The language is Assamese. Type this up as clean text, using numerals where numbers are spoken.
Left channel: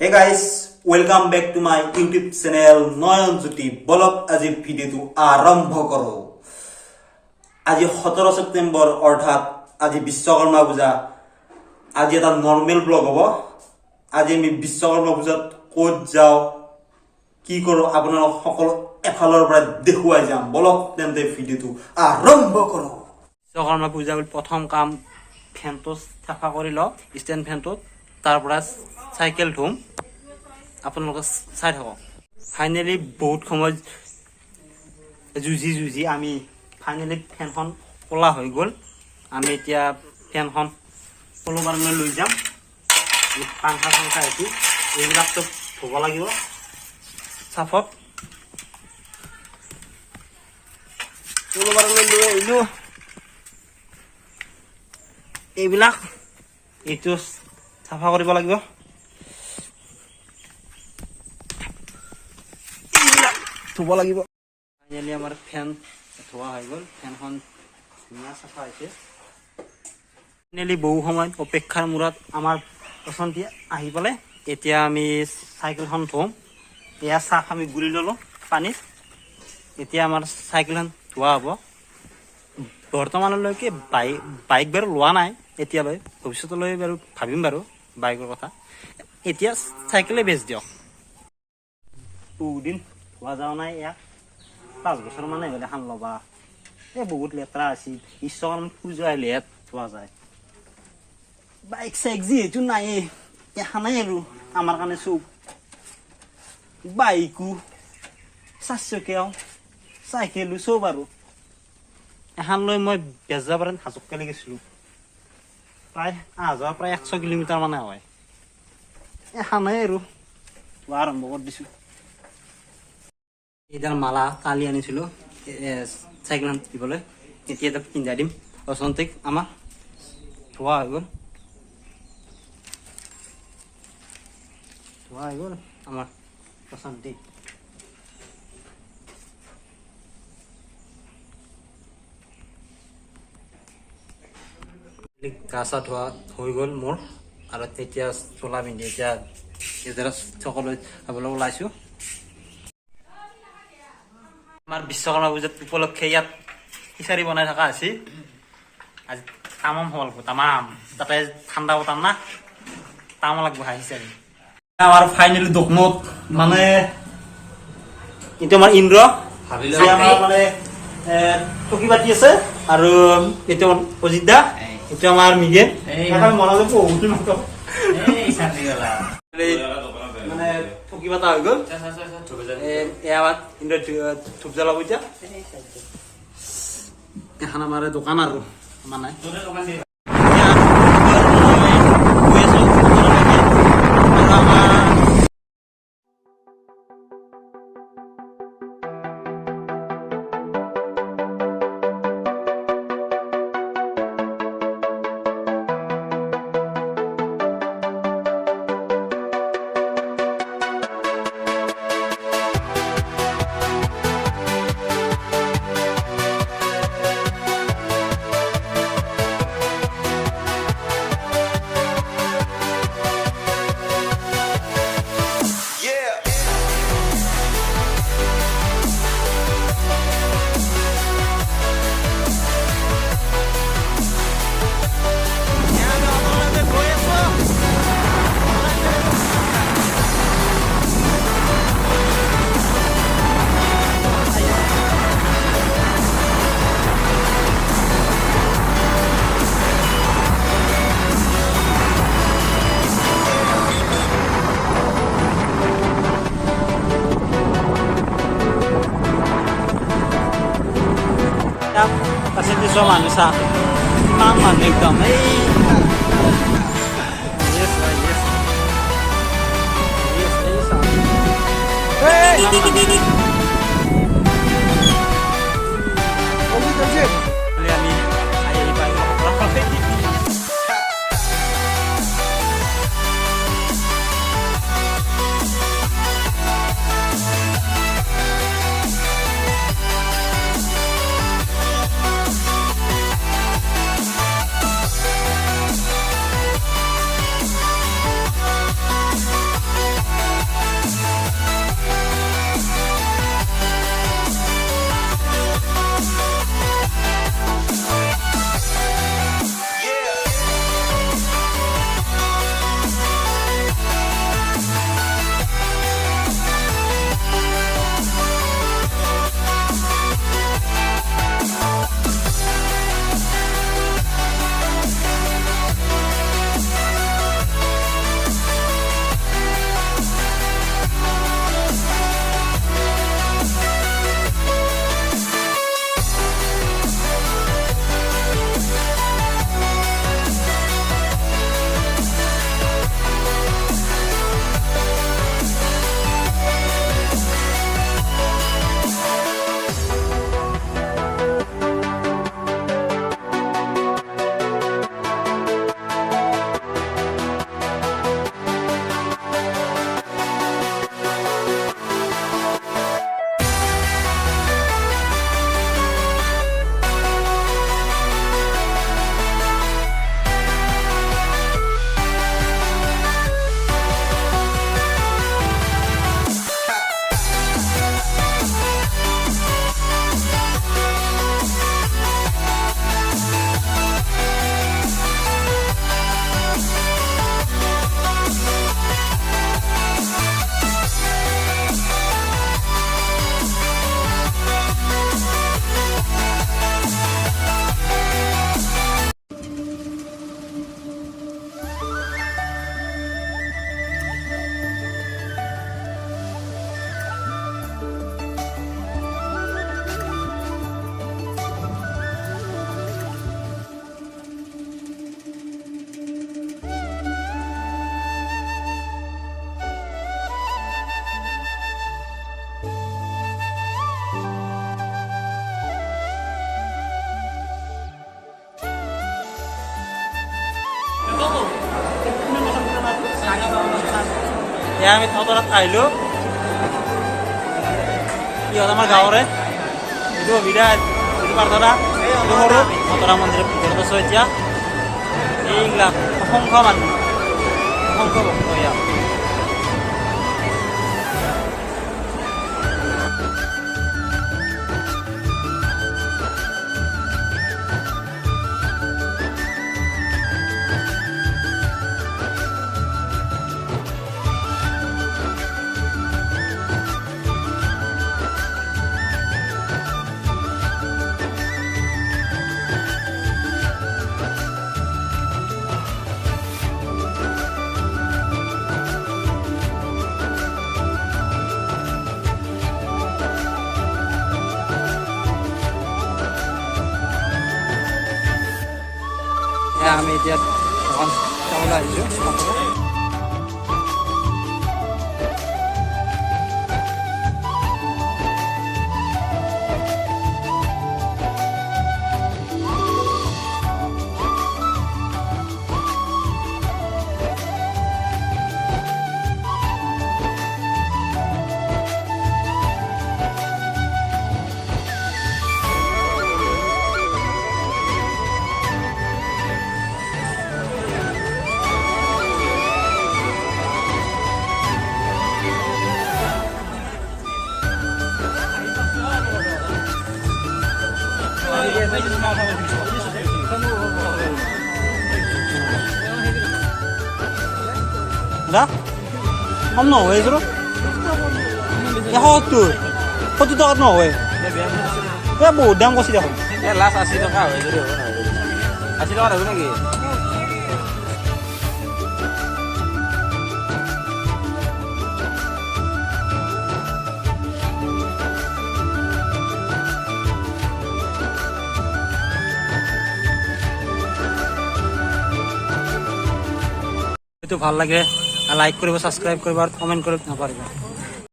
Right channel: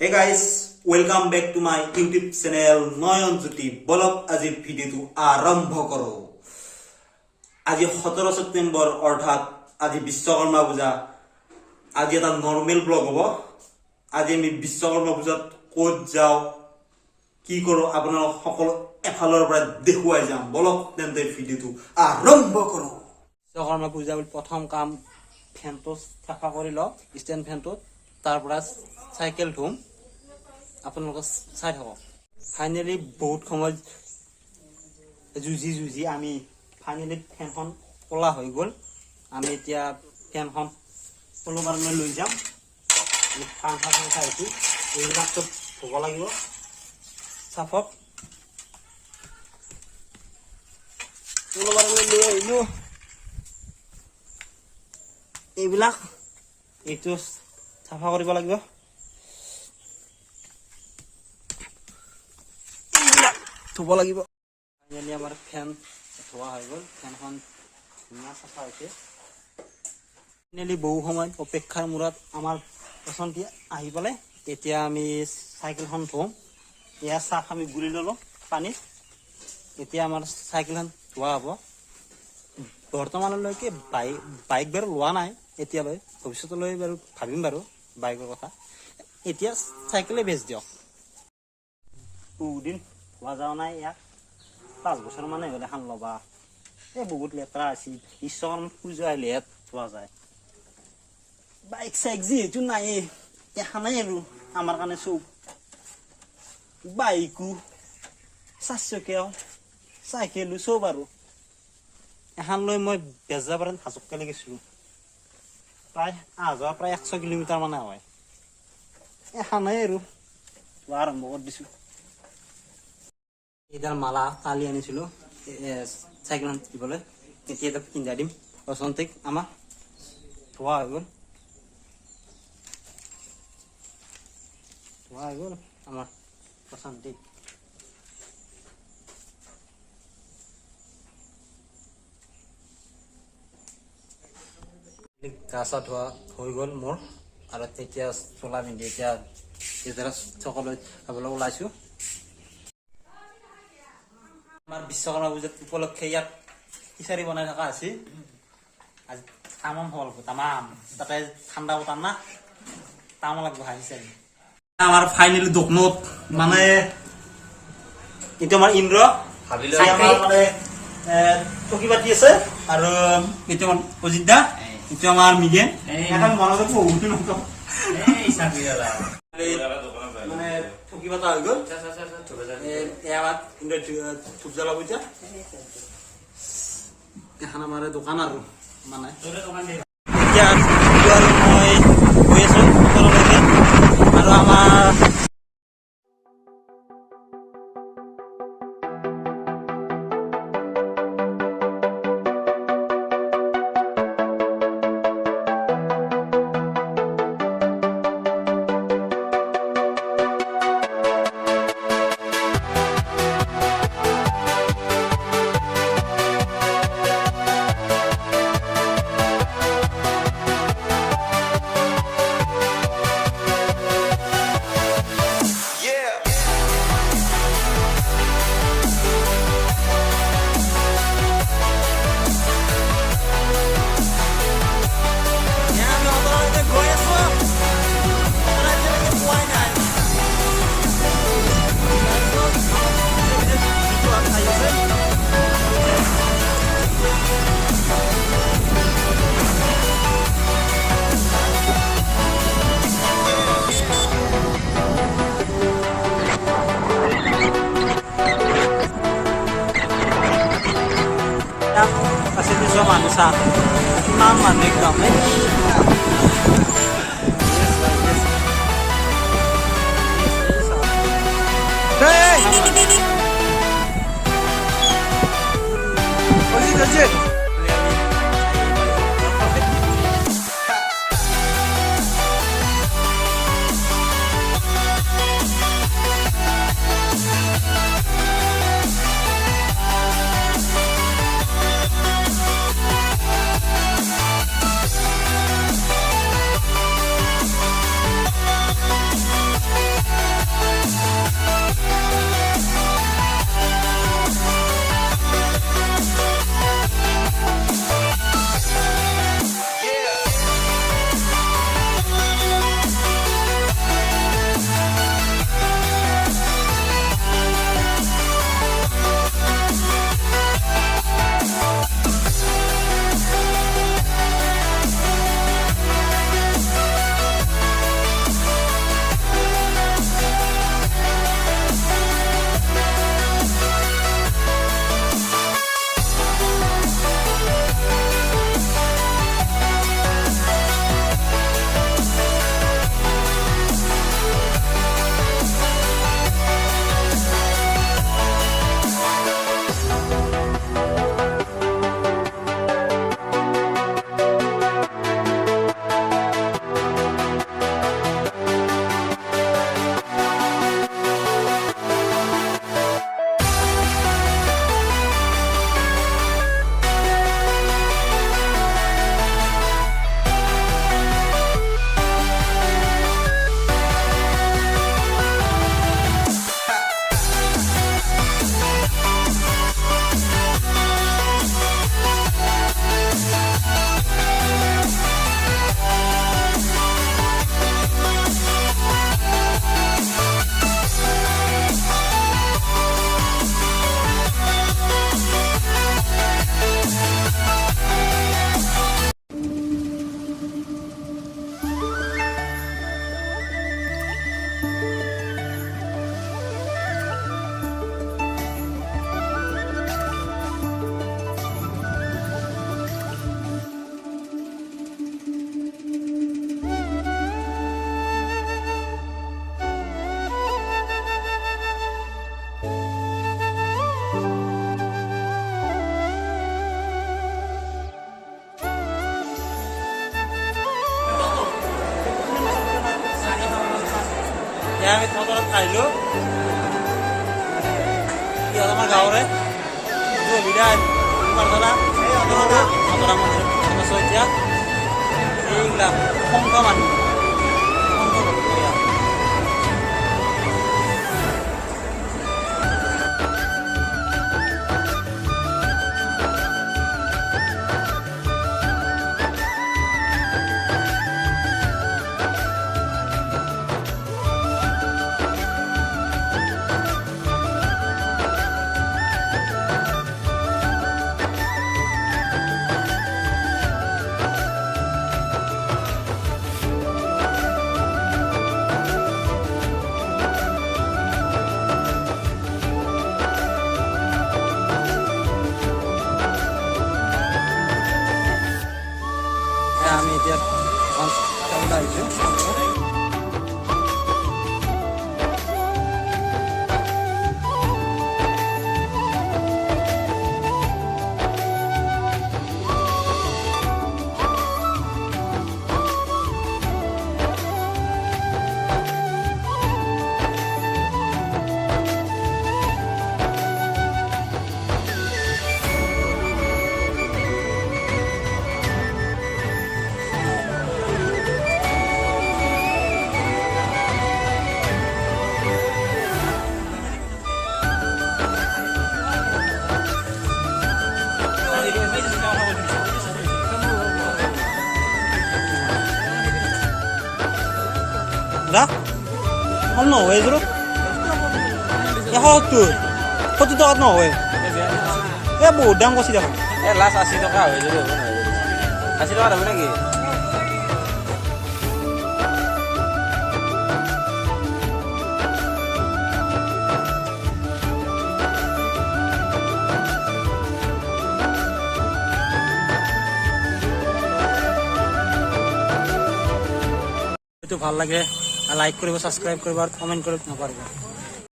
Hey guys, welcome back to my YouTube channel Noyon Jyoti. Bolok আজি ভিডিওটো আৰম্ভ কৰো। আজি 17 সেপ্টেম্বৰ অৰ্থাৎ আজি বিশ্বকৰ্মা পূজা। আজি এটা নৰ্মেল ব্লগ হ'ব। আজি আমি বিশ্বকৰ্মা পূজাত ক'ত যাও কি কৰো আপোনালোক সকলো এফালৰ পৰা দেখুৱাই যাম। বলক তেন্তে ভিডিওটো আৰম্ভ কৰো। বিশ্বকৰ্মা পূজা প্ৰথম কাম ফেনটো চাফা কৰি ল, ষ্টেণ্ড ফেনটো, তাৰ পৰা চাইকেল ধুম। আপোনালোকে চাই থাকক। ফাইনেলি বহুত সময় যুঁজি আমি ফাইনেলি ফেনখন ক'লা হৈ গ'ল। আমি এতিয়া ফেনখন তলৰ কাৰণে লৈ যাম। পাংখা আহিছোঁ, এইবিলাকতো ধুব লাগিব চাফত। তলৰ কাৰণে লৈ আহিলোঁ এইবিলাক, এইটো চাফা কৰিব লাগিব। ধুব লাগিব। ফাইনেলি আমাৰ ফেন ধোৱা হৈ গ'ল। ফেনখন ধুনীয়া চাফা হৈছে। ফাইনেলি বহু সময় অপেক্ষাৰ মূৰত আমাৰ পচন্দি আহি পেলাই এতিয়া আমি চাইকেলখন ধুম। এয়া চাফ আমি গুলি ল'লোঁ পানীত। এতিয়া আমাৰ চাইকেলখন ধোৱা হ'ব। বৰ্তমানলৈকে বাইক বাৰু লোৱা নাই এতিয়ালৈ, ভৱিষ্যতলৈ বাৰু ভাবিম বাৰু বাইকৰ কথা। এতিয়া চাইকেলে বেচ দিয়ক। বহুদিন ধোৱা যোৱা নাই, ইয়াক 5 বছৰ মানে হ'লে এখন ল'বা। এই বহুত লেতেৰা আছিল। বিশ্বকৰ্মা পূজা আহিলেহে ধোৱা যায়। বাইক চাইক যিহেতু নাই, এখনেই আৰু আমাৰ কাৰণে চব। বাইকো, 4 চকীয়াও, চাইকেলো চব আৰু এখন লৈ মই বেজাবাৰীত হাজোকালি গৈছিলোঁ। প্ৰায় অহা যোৱা প্ৰায় 100 কিলোমিটাৰ মানে হয়। এখনেই আৰু ধোৱা আৰম্ভ কৰি দিছোঁ। এইডাল মালা কালি আনিছিলোঁ চাইকেলখন দিবলৈ। এতিয়া এটা পিন্ধাই দিম বসন্তিক। আমাৰ ধোৱা হৈ গ'ল, আমাৰ বসন্তিক। গা চা ধোৱা হৈ গ'ল মোৰ, আৰু তেতিয়া চোলা পিন্ধি এতিয়া এইদৰে চকলৈ যাবলৈ ওলাইছোঁ। আমাৰ বিশ্বকৰ্মা পূজাত উপলক্ষে ইয়াত খিচাৰি বনাই থকা আছিল। আজি তামাম হ'ব লাগিব, তামাম। তাতে ঠাণ্ডা বতৰ না, তামাম লাগিব খিচাৰি। আমাৰ ফাইনেলি দোকনত মানে এইটো আমাৰ ইন্দ্ৰ, আমাৰ মানে চকী পাতি আছে, আৰু এইটো অজিত দা, এইটো আমাৰ মিডিয়ান। মানে থকি পাতা হৈ গ'ল। ধূপ জ্বলাব এতিয়া। এখন আমাৰ দোকান আৰু মানে এতিয়া মই গৈ আছো ওচৰলৈকে, আৰু আমাৰ kasih bisa manusia iman ekdom yes এয়া আমি থতৰত আহিলোঁ ইহঁত আমাৰ গাঁৱৰে এইটো বিৰাট প্ৰাৰ্থনা থতৰা মন্দিৰৰ ভিতৰত আছোঁ এতিয়া এইবিলাক অসংখ্য মানুহ অসংখ্য ভক্ত ইয়াত আমি এতিয়া দোকান চাবলৈ আহিছোঁ दा कम নহয় এইবোৰ 170 টকাত নহয় এই বহুত দাম কৈছে দেখোন লাষ্ট 80 টকা হৈ যাব 80 টকা হ'ব নেকি ভাল লাগে লাইক কৰিব সাবস্ক্ৰাইব কৰিব আৰু কমেন্ট কৰিব নাপাহৰিব